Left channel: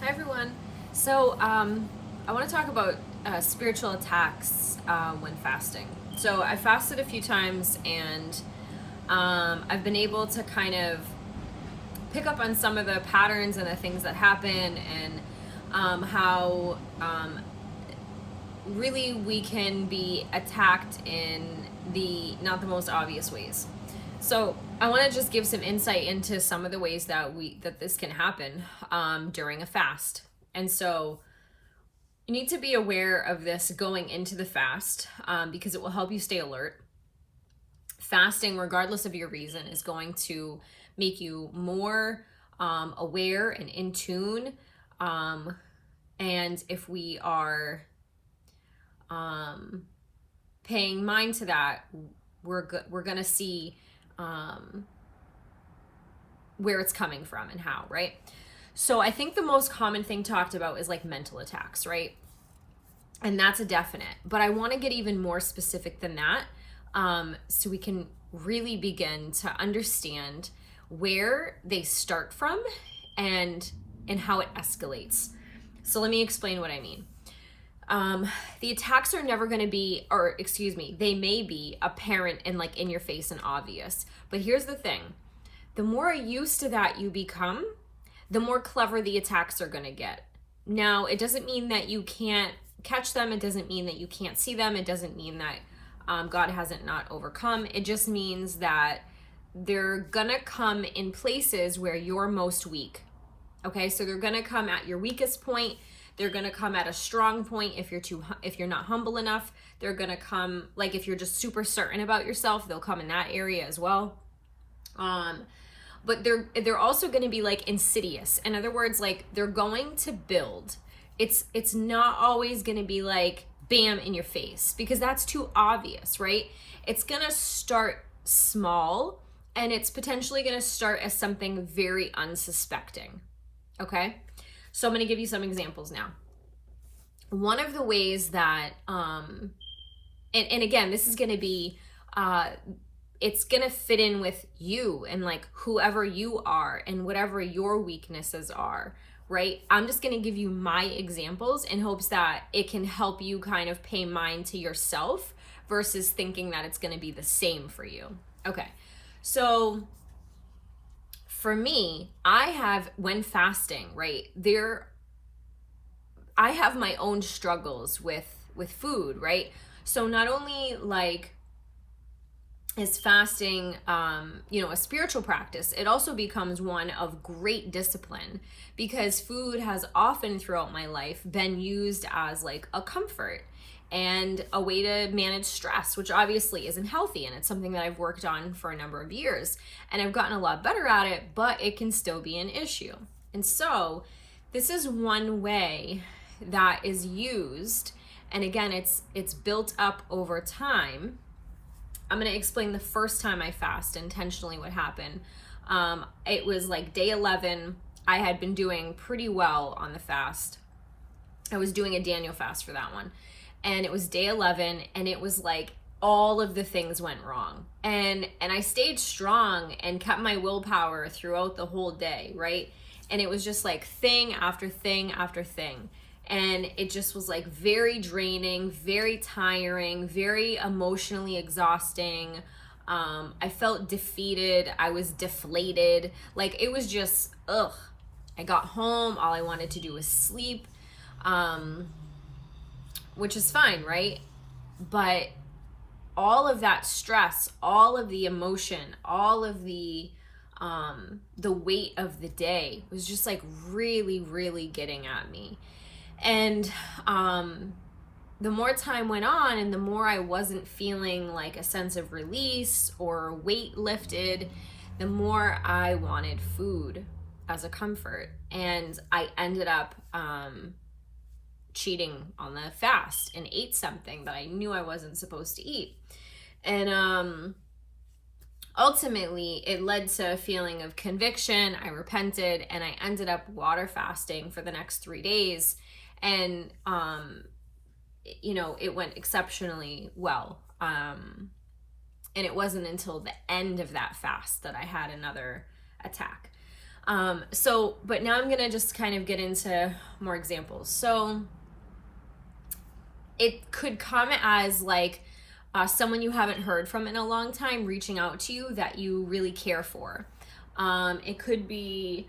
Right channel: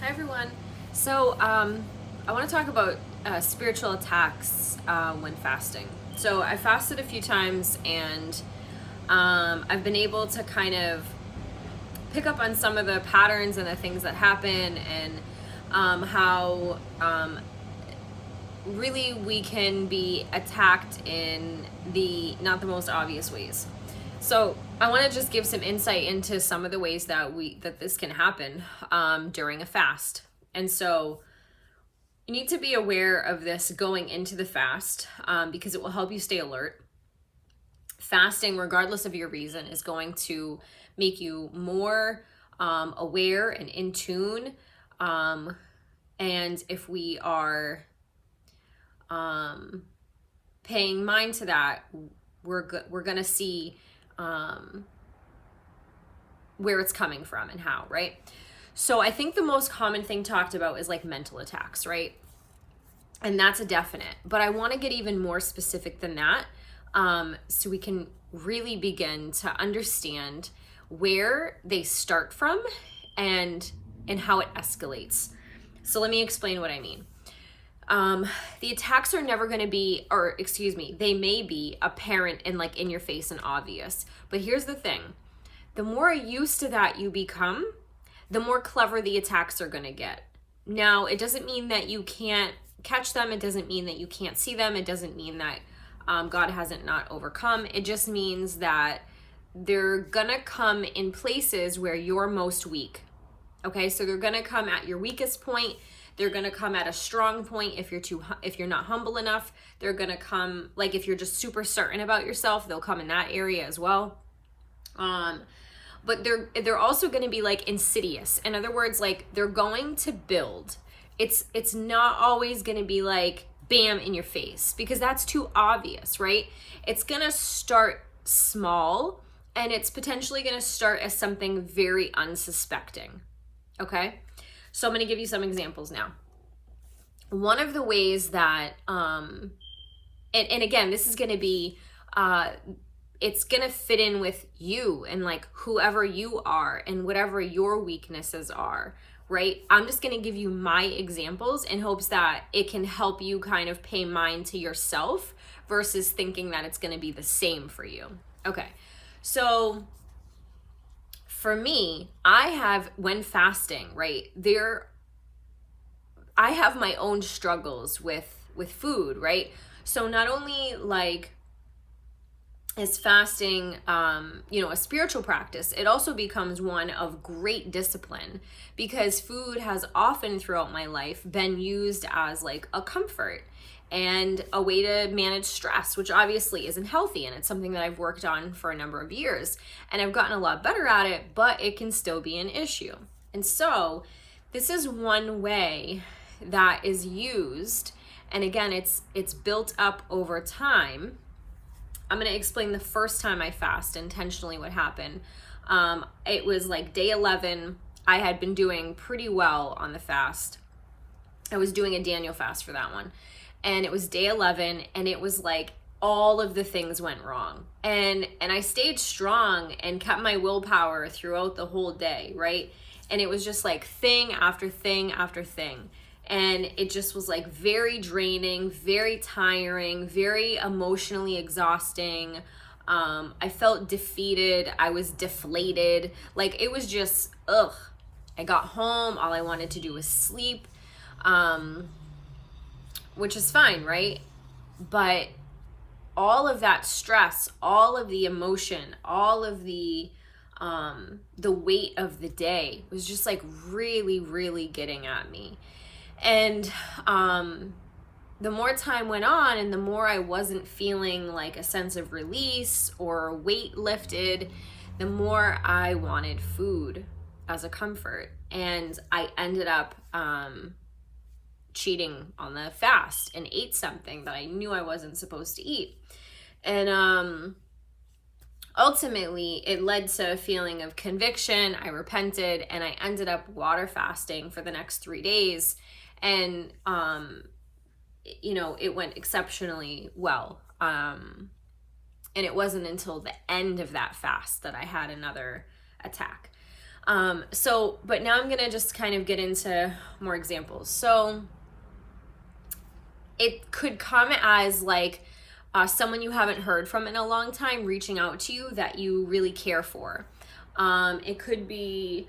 Hi everyone. I want to talk about spiritual attacks when fasting. So I fasted a few times, and I've been able to kind of pick up on some of the patterns and the things that happen, and how really we can be attacked in the not the most obvious ways. So I want to just give some insight into some of the ways that this can happen during a fast. And so you need to be aware of this going into the fast, because it will help you stay alert. Fasting, regardless of your reason, is going to make you more aware and in tune. And if we are paying mind to that, we're going to see where it's coming from and how, right? So I think the most common thing talked about is like mental attacks, right? And that's a definite, but I want to get even more specific than that, so we can really begin to understand where they start from and how it escalates. So let me explain what I mean. The attacks are never going to be, or excuse me, they may be apparent and like in your face and obvious. But here's the thing. The more used to that you become, the more clever the attacks are going to get. Now, it doesn't mean that you can't catch them. It doesn't mean that you can't see them. It doesn't mean that God hasn't not overcome. It just means that they're going to come in places where you're most weak. Okay, so they're going to come at your weakest point. They're going to come at a strong point if you're not humble enough. They're going to come, like, if you're just super certain about yourself, they'll come in that area as well. But they're also going to be like insidious. In other words, like, they're going to build. It's not always going to be like bam in your face, because that's too obvious, right? It's going to start small, and it's potentially going to start as something very unsuspecting. Okay? So I'm going to give you some examples now. One of the ways that, and again, this is going to be, it's going to fit in with you and like whoever you are and whatever your weaknesses are, right? I'm just going to give you my examples in hopes that it can help you kind of pay mind to yourself versus thinking that it's going to be the same for you. Okay. So for me, when fasting, right, I have my own struggles with food, right? So not only like is fasting, a spiritual practice, it also becomes one of great discipline, because food has often throughout my life been used as like a comfort and a way to manage stress, which obviously isn't healthy. And it's something that I've worked on for a number of years, and I've gotten a lot better at it, but it can still be an issue. And so this is one way that is used. And again, it's built up over time. I'm going to explain the first time I fast intentionally what happened. It was like day 11. I had been doing pretty well on the fast. I was doing a Daniel fast for that one. And it was day 11, and it was like all of the things went wrong. And I stayed strong and kept my willpower throughout the whole day, right? And it was just like thing after thing after thing. And it just was like very draining, very tiring, very emotionally exhausting. I felt defeated. I was deflated. Like, it was just, ugh. I got home. All I wanted to do was sleep. Which is fine, right? But all of that stress, all of the emotion, all of the weight of the day was just like really, really getting at me. And the more time went on, and the more I wasn't feeling like a sense of release or weight lifted, the more I wanted food as a comfort. And I ended up cheating on the fast and ate something that I knew I wasn't supposed to eat. And ultimately, it led to a feeling of conviction. I repented, and I ended up water fasting for the next 3 days. And, it went exceptionally well. And it wasn't until the end of that fast that I had another attack. But now I'm going to just kind of get into more examples. So it could come as like someone you haven't heard from in a long time reaching out to you that you really care for. It could be,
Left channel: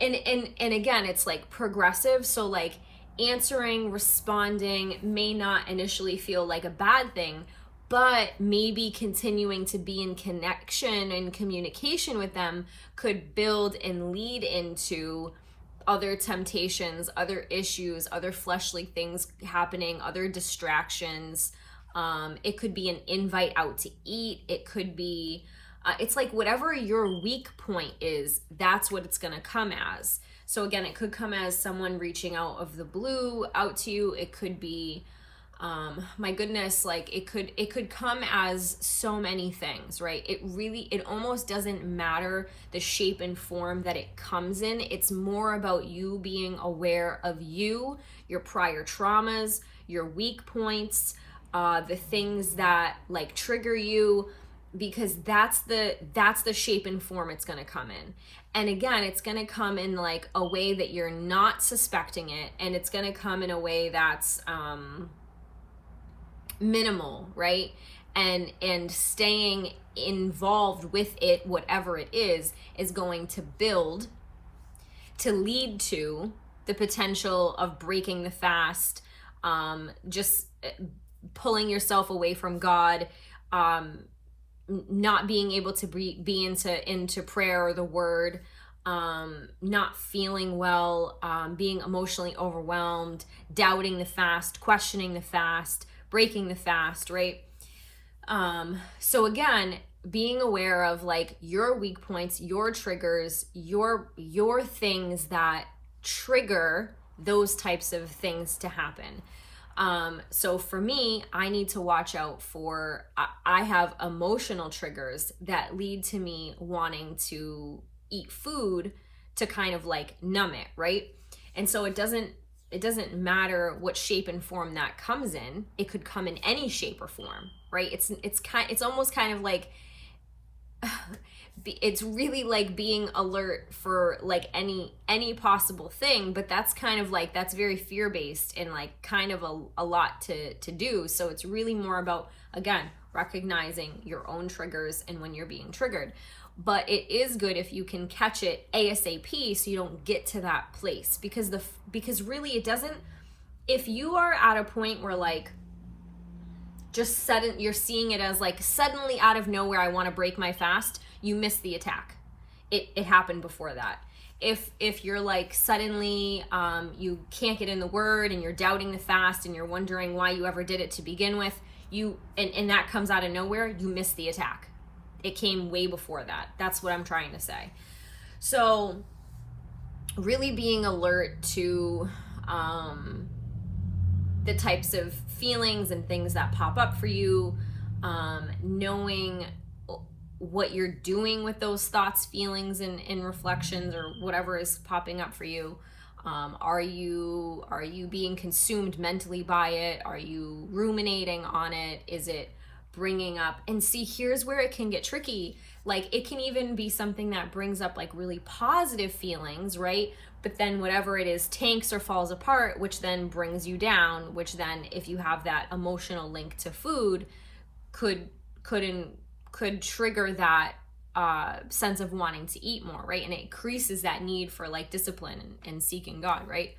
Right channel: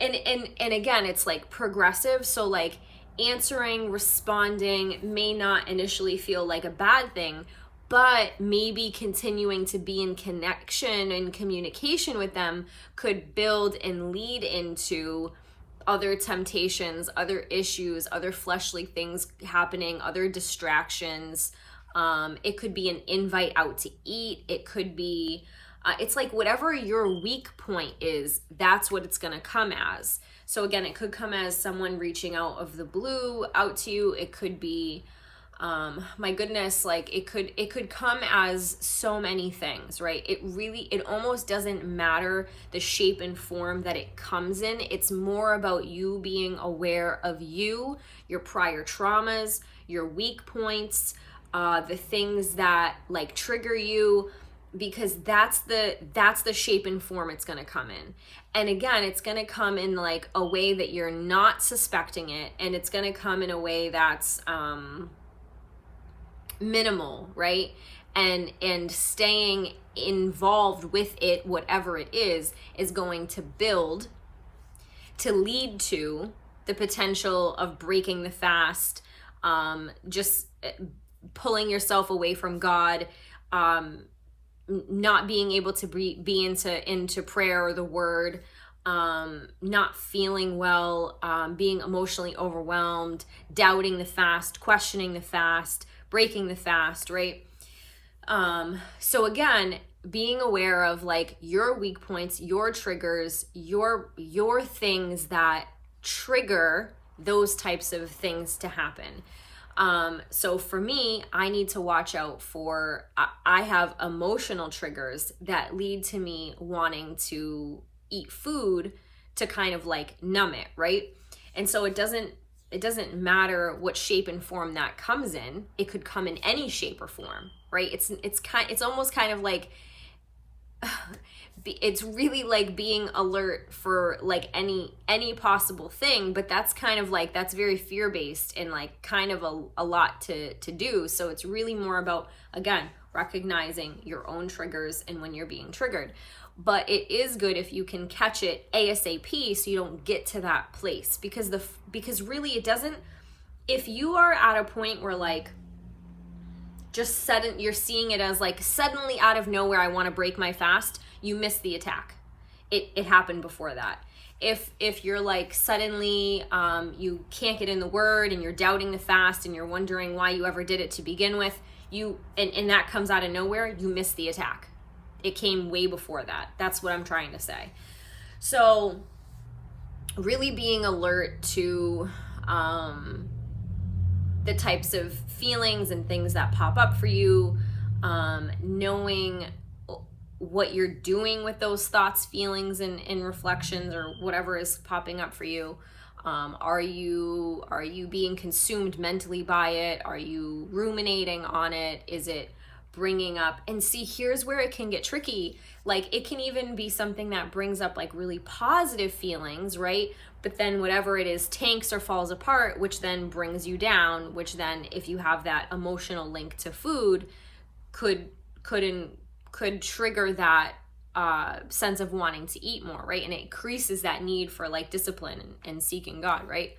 and again, it's like progressive. So like answering, responding may not initially feel like a bad thing, but maybe continuing to be in connection and communication with them could build and lead into other temptations, other issues, other fleshly things happening, other distractions. It could be an invite out to eat. It could be, it's like whatever your weak point is, that's what it's going to come as. So again, it could come as someone reaching out of the blue out to you. It could be, my goodness, like it could come as so many things, right? It almost doesn't matter the shape and form that it comes in. It's more about you being aware of you, your prior traumas, your weak points, the things that like trigger you, because that's the shape and form it's going to come in. And again, it's going to come in like a way that you're not suspecting it, and it's going to come in a way that's minimal, right? And staying involved with it, whatever it is going to build to lead to the potential of breaking the fast, just pulling yourself away from God, not being able to be into prayer or the word, not feeling well, being emotionally overwhelmed, doubting the fast, questioning the fast, breaking the fast, right? So again, being aware of like your weak points, your triggers, your things that trigger those types of things to happen. So for me, I need to watch out for, I have emotional triggers that lead to me wanting to eat food to kind of like numb it, right? And so it doesn't matter what shape and form that comes in. It could come in any shape or form, right? It's almost kind of like, it's really like being alert for like any possible thing, but that's kind of like, that's very fear-based and like kind of a lot to do. So it's really more about, again, recognizing your own triggers and when you're being triggered. But it is good if you can catch it ASAP so you don't get to that place, because really it doesn't, if you are at a point where like just you're seeing it as like suddenly out of nowhere, I want to break my fast, you missed the attack. It happened before that. If you're like suddenly you can't get in the word and you're doubting the fast and you're wondering why you ever did it to begin with, and that comes out of nowhere, you missed the attack. It came way before that. That's what I'm trying to say. So really being alert to the types of feelings and things that pop up for you, knowing what you're doing with those thoughts, feelings, and reflections, or whatever is popping up for you. Are you being consumed mentally by it? Are you ruminating on it? Is it bringing up, and see, here's where it can get tricky. Like it can even be something that brings up like really positive feelings, right? But then whatever it is tanks or falls apart, which then brings you down, which then if you have that emotional link to food could trigger that sense of wanting to eat more, right? And it increases that need for like discipline and seeking God, right?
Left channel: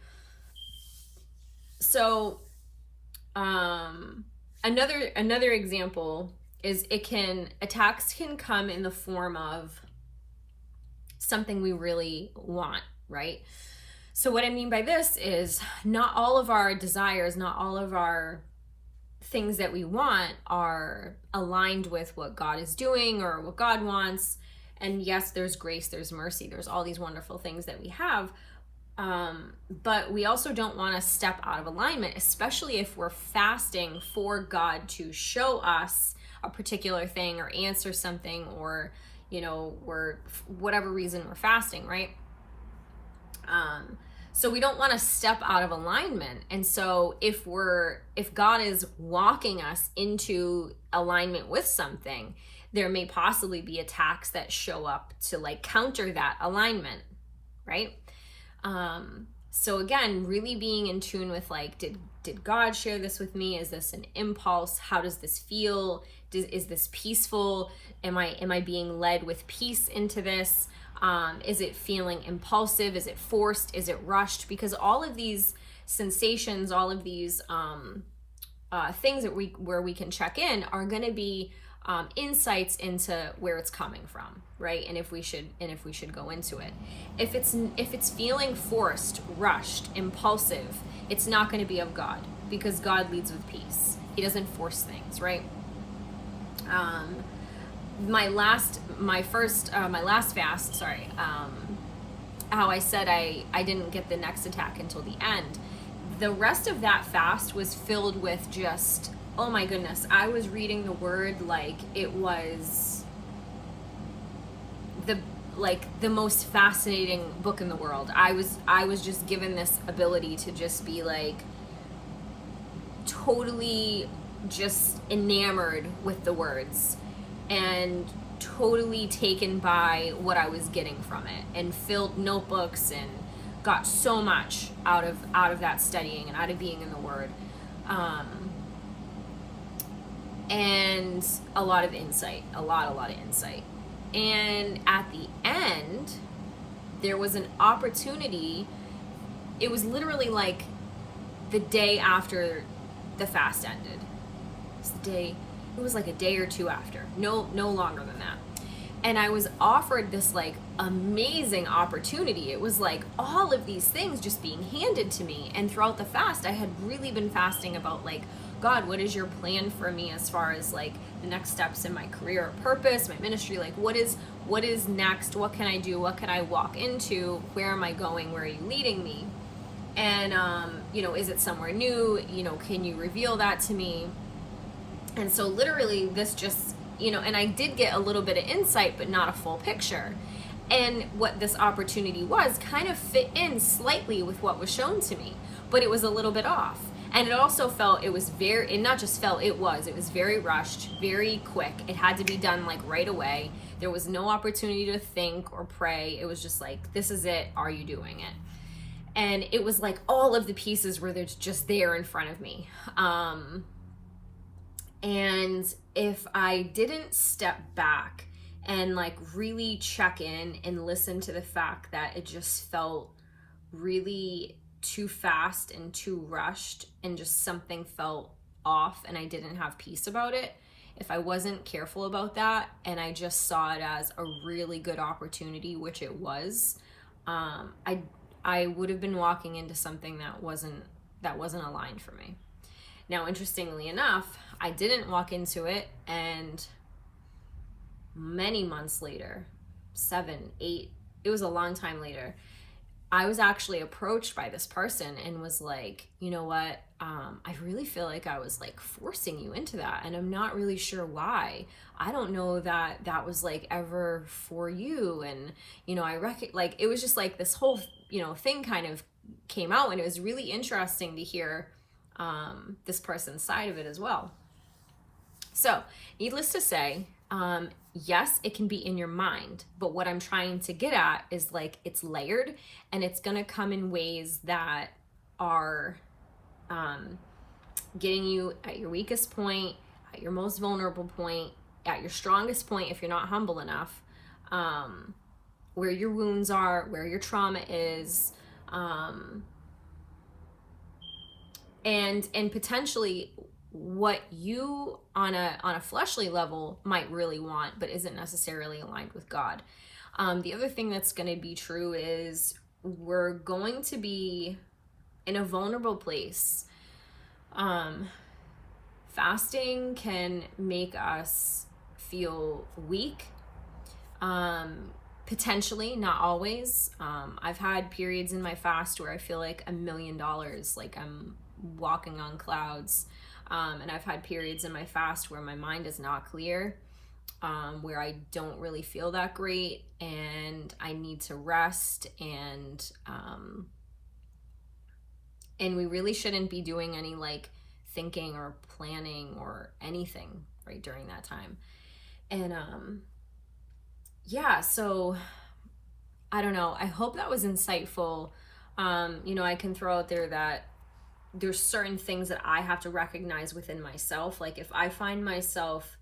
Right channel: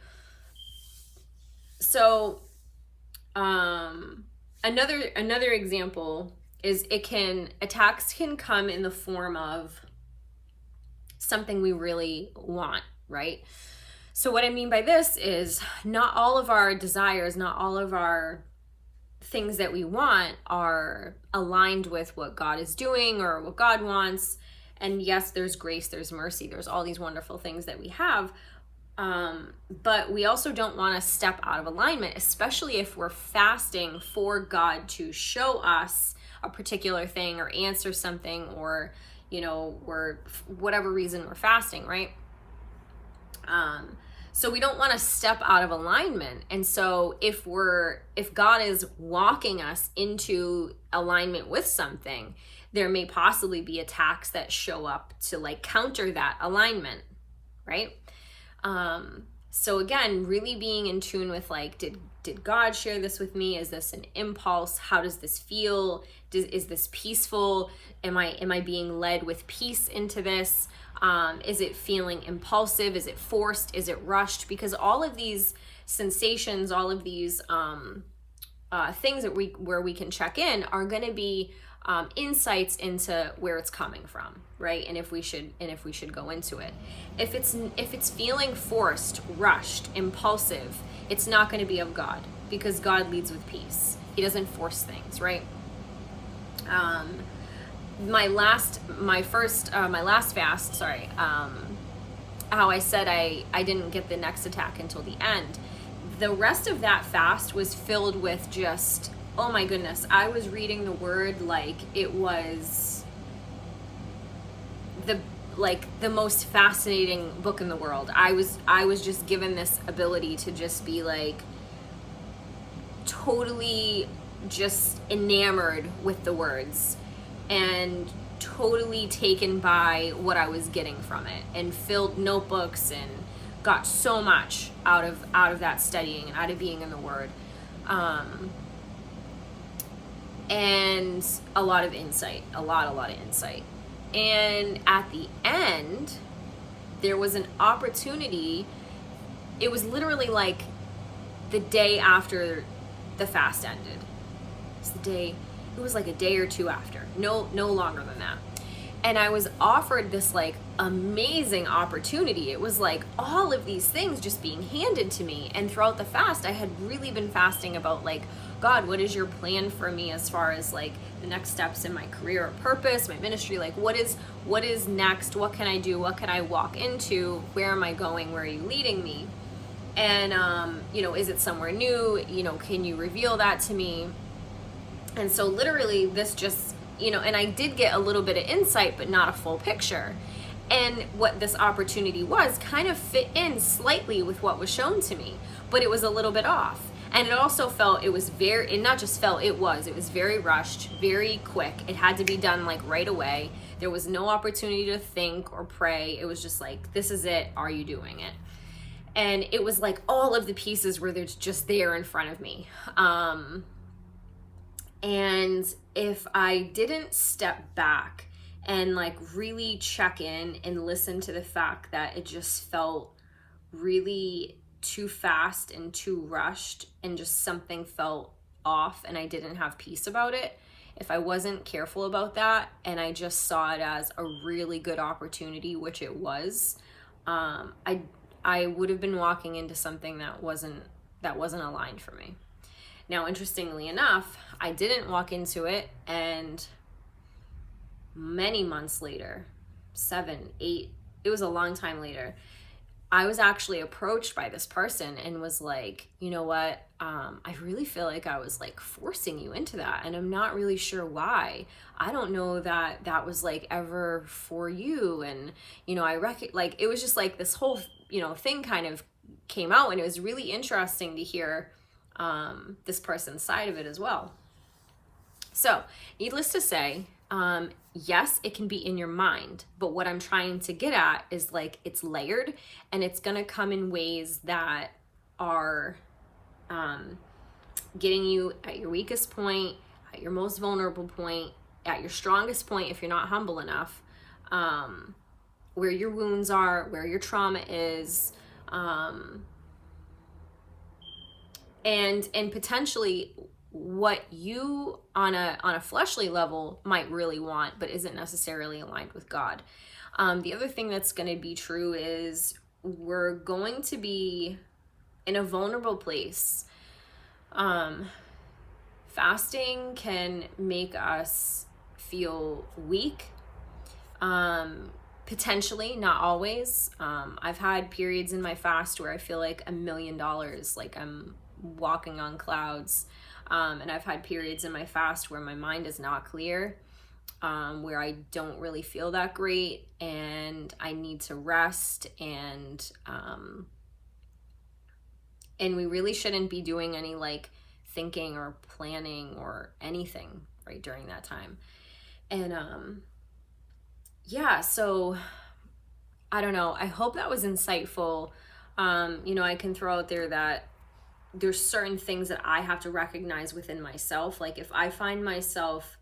So another example is attacks can come in the form of something we really want, right? So what I mean by this is not all of our desires, not all of our things that we want are aligned with what God is doing or what God wants. And yes, there's grace, there's mercy, there's all these wonderful things that we have. But we also don't want to step out of alignment, especially if we're fasting for God to show us a particular thing or answer something, or, we're, whatever reason we're fasting, right? So we don't want to step out of alignment. And so if God is walking us into alignment with something, there may possibly be attacks that show up to like counter that alignment, right? So again, really being in tune with like, did God share this with me? Is this an impulse? How does this feel? Is this peaceful? Am I being led with peace into this? Is it feeling impulsive? Is it forced? Is it rushed? Because all of these sensations, all of these things that where we can check in are going to be insights into where it's coming from, right? And if we should go into it. If it's feeling forced, rushed, impulsive, it's not going to be of God, because God leads with peace. He doesn't force things, right? My last fast, sorry, how I said I didn't get the next attack until the end. The rest of that fast was filled with just, oh my goodness, I was reading the word like it was the most fascinating book in the world. I was just given this ability to just be like totally just enamored with the words and totally taken by what I was getting from it, and filled notebooks and got so much out of that studying and out of being in the word, and a lot of insight, a lot of insight. And at the end, there was an opportunity. It was literally like the day after the fast ended. It was like a day or two after, no longer than that. And I was offered this like amazing opportunity. It was like all of these things just being handed to me. And throughout the fast, I had really been fasting about like, God, what is your plan for me as far as like the next steps in my career or purpose, my ministry? Like what is next? What can I do? What can I walk into? Where am I going? Where are you leading me? And, is it somewhere new? Can you reveal that to me? And so literally this just, and I did get a little bit of insight, but not a full picture. And what this opportunity was kind of fit in slightly with what was shown to me, but it was a little bit off. And it also felt, it was very rushed, very quick. It had to be done like right away. There was no opportunity to think or pray. It was just like, this is it. Are you doing it? And it was like all of the pieces were just there in front of me. And if I didn't step back and like really check in and listen to the fact that it just felt really too fast and too rushed, and just something felt off and I didn't have peace about it, if I wasn't careful about that and I just saw it as a really good opportunity, which it was, I would have been walking into something that wasn't aligned for me. Now, interestingly enough, I didn't walk into it, and many months later, 7, 8, it was a long time later, I was actually approached by this person and was like, you know what, I really feel like I was like forcing you into that, and I'm not really sure why. I don't know that that was like ever for you. And, like, it was just like this whole, thing kind of came out, and it was really interesting to hear this person's side of it as well. So, needless to say, yes, it can be in your mind, but what I'm trying to get at is like it's layered, and it's going to come in ways that are getting you at your weakest point, at your most vulnerable point, at your strongest point if you're not humble enough, where your wounds are, where your trauma is, and potentially what you on a fleshly level might really want, but isn't necessarily aligned with God. The other thing that's going to be true is we're going to be in a vulnerable place. Fasting can make us feel weak. Potentially, not always. I've had periods in my fast where I feel like $1 million, like I'm walking on clouds. And I've had periods in my fast where my mind is not clear, where I don't really feel that great, and I need to rest, and we really shouldn't be doing any like thinking or planning or anything right during that time. And so I don't know. I hope that was insightful. I can throw out there that there's certain things that I have to recognize within myself. Like if I find myself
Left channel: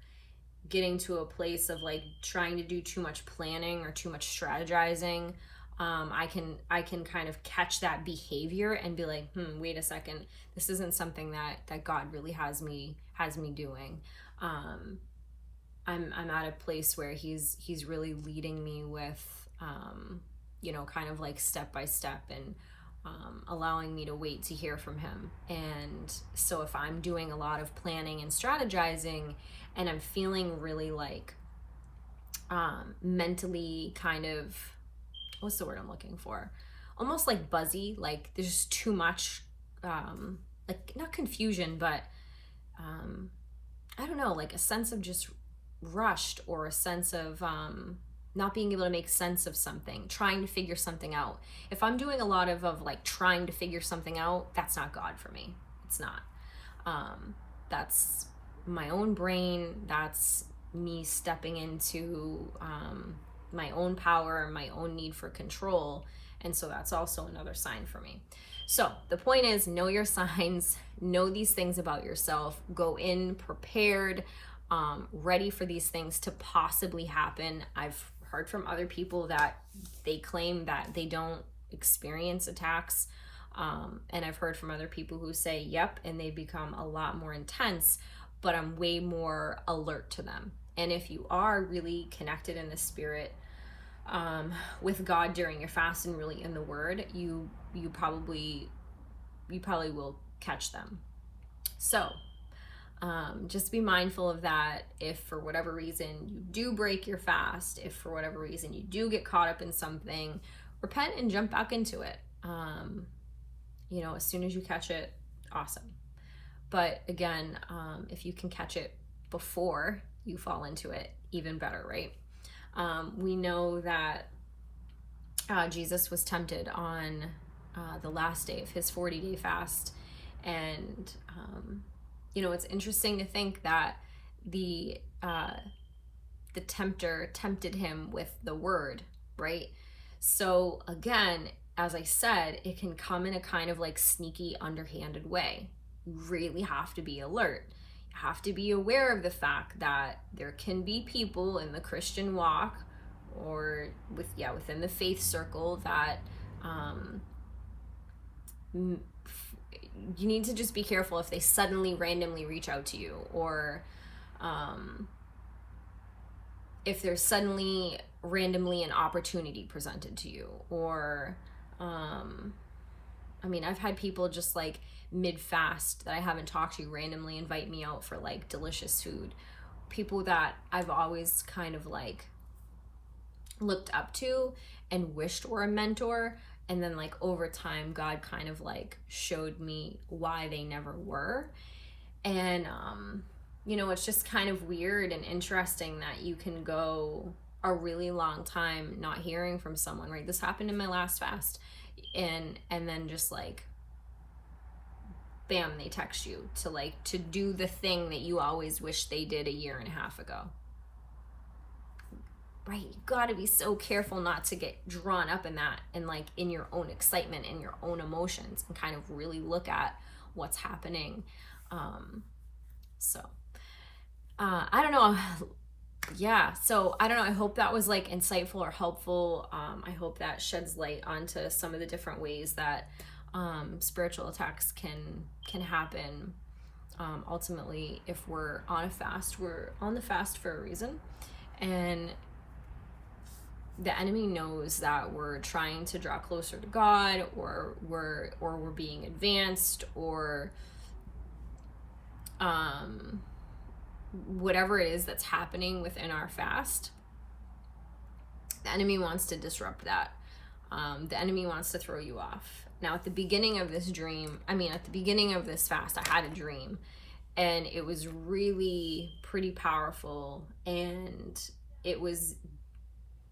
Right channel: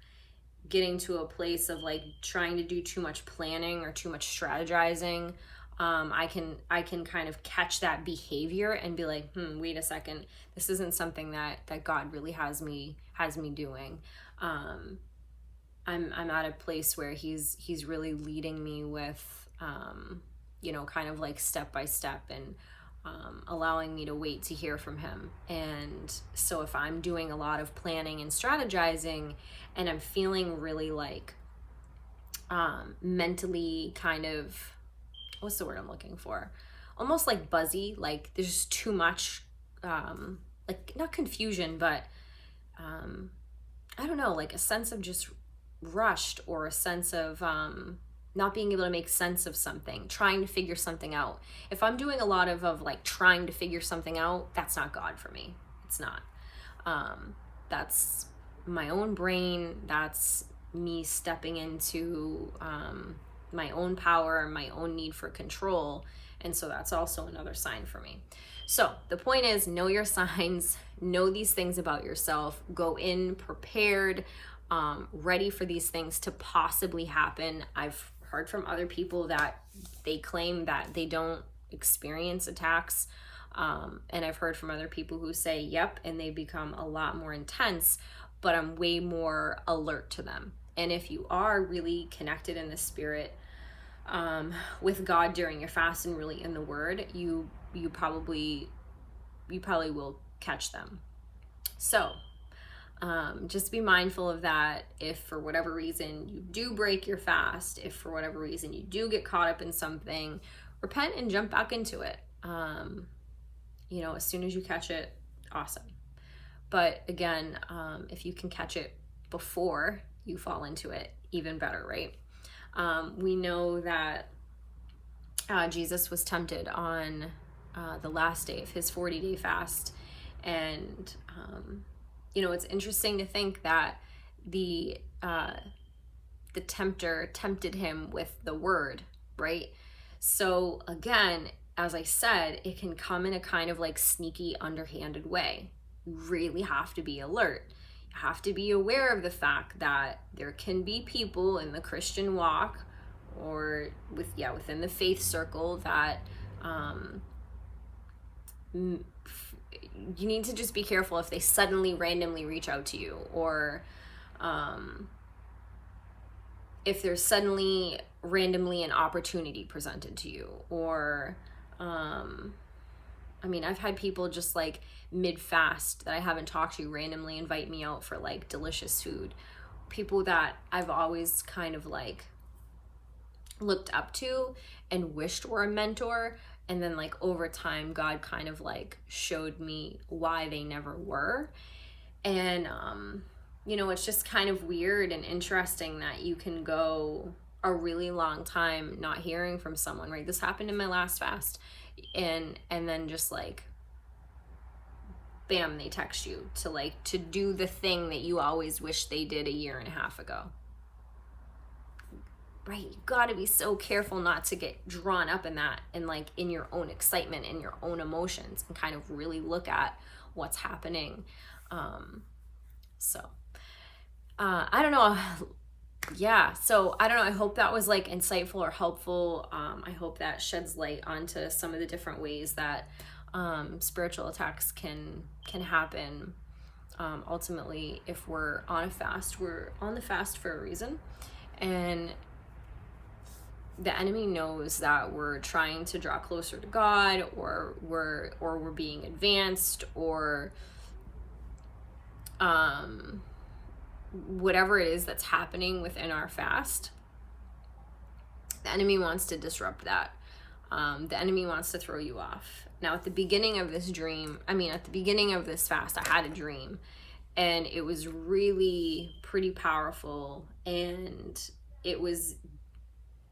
getting to a place of like trying to do too much planning or too much strategizing, I can kind of catch that behavior and be like, wait a second, this isn't something that God really has me doing. I'm at a place where he's really leading me with kind of like step by step, and allowing me to wait to hear from him. And so if I'm doing a lot of planning and strategizing and I'm feeling really like mentally kind of, what's the word I'm looking for? Almost like buzzy, like there's just too much, like not confusion, but I don't know, like a sense of just rushed, or a sense of not being able to make sense of something, trying to figure something out. If I'm doing a lot of like trying to figure something out, that's not God for me. It's not. That's my own brain. That's me stepping into my own power, my own need for control. And so that's also another sign for me. So the point is, know your signs, know these things about yourself, go in prepared, ready for these things to possibly happen. I've heard from other people that they claim that they don't experience attacks. And I've heard from other people who say, yep, and they become a lot more intense, but I'm way more alert to them. And if you are really connected in the spirit with God during your fast and really in the word, you probably will catch them. So just be mindful of that. If for whatever reason you do break your fast, if for whatever reason you do get caught up in something, repent and jump back into it. As soon as you catch it, awesome. But again, if you can catch it before you fall into it, even better, right? We know that Jesus was tempted on the last day of his 40-day fast. And, it's interesting to think that the tempter tempted him with the word, right? So again, as I said, it can come in a kind of like sneaky, underhanded way. You really have to be alert. You have to be aware of the fact that there can be people in the Christian walk or within the faith circle that you need to just be careful if they suddenly randomly reach out to you, or if there's suddenly randomly an opportunity presented to you, or I've had people just like mid-fast that I haven't talked to randomly invite me out for like delicious food. People that I've always kind of like looked up to and wished were a mentor, and then like over time God kind of like showed me why they never were. And it's just kind of weird and interesting that you can go a really long time not hearing from someone, right? This happened in my last fast, and then just like bam, they text you to do the thing that you always wished they did a year and a half ago. Right? You got to be so careful not to get drawn up in that, and like in your own excitement and your own emotions, and kind of really look at what's happening. I don't know. Yeah. So I don't know. I hope that was like insightful or helpful. I hope that sheds light onto some of the different ways that spiritual attacks can happen. Ultimately, if we're on a fast, we're on the fast for a reason. And the enemy knows that we're trying to draw closer to God, or we're being advanced, or whatever it is that's happening within our fast. The enemy wants to disrupt that. The enemy wants to throw you off. Now, at the beginning of this fast, I had a dream, and it was really pretty powerful, and it was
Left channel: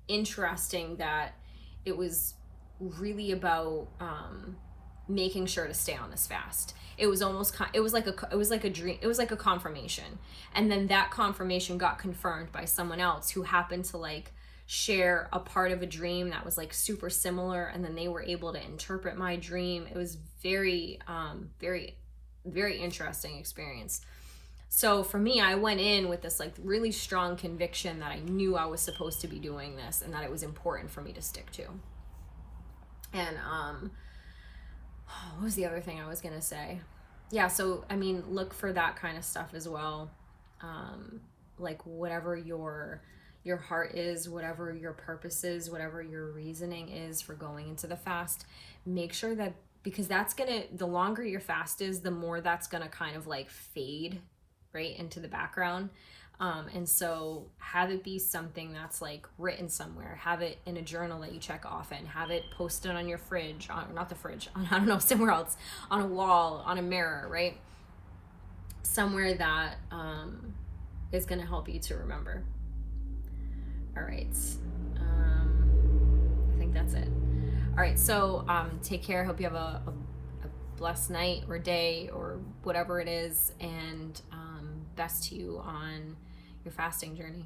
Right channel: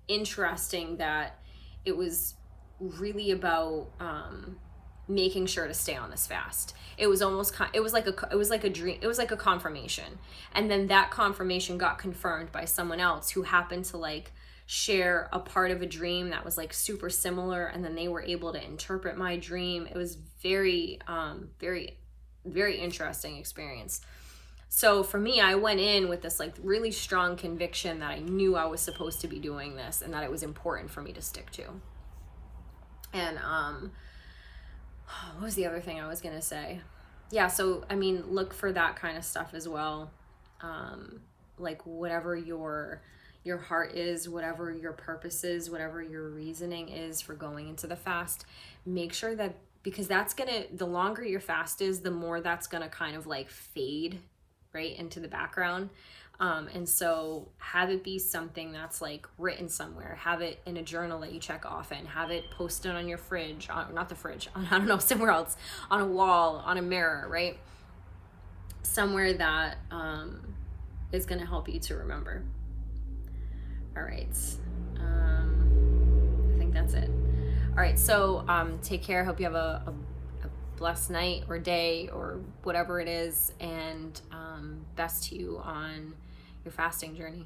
interesting that it was really about making sure to stay on this fast. It was like a dream. It was like a confirmation, and then that confirmation got confirmed by someone else who happened to like share a part of a dream that was like super similar, and then they were able to interpret my dream. It was very very interesting experience. So for me, I went in with this like really strong conviction that I knew I was supposed to be doing this and that it was important for me to stick to. And what was the other thing I was gonna say? Yeah, so I mean, look for that kind of stuff as well. Like whatever your heart is, whatever your purpose is, whatever your reasoning is for going into the fast, make sure that, because that's gonna, the longer your fast is, the more that's gonna kind of like fade right into the background. And so have it be something that's like written somewhere, have it in a journal that you check often, have it posted on your fridge, not the fridge, I don't know, somewhere else, on a wall, on a mirror, right? Somewhere that is going to help you to remember. All right. I think that's it. All right. So take care. Hope you have a blessed night or day or whatever it is. And best to you on your fasting journey.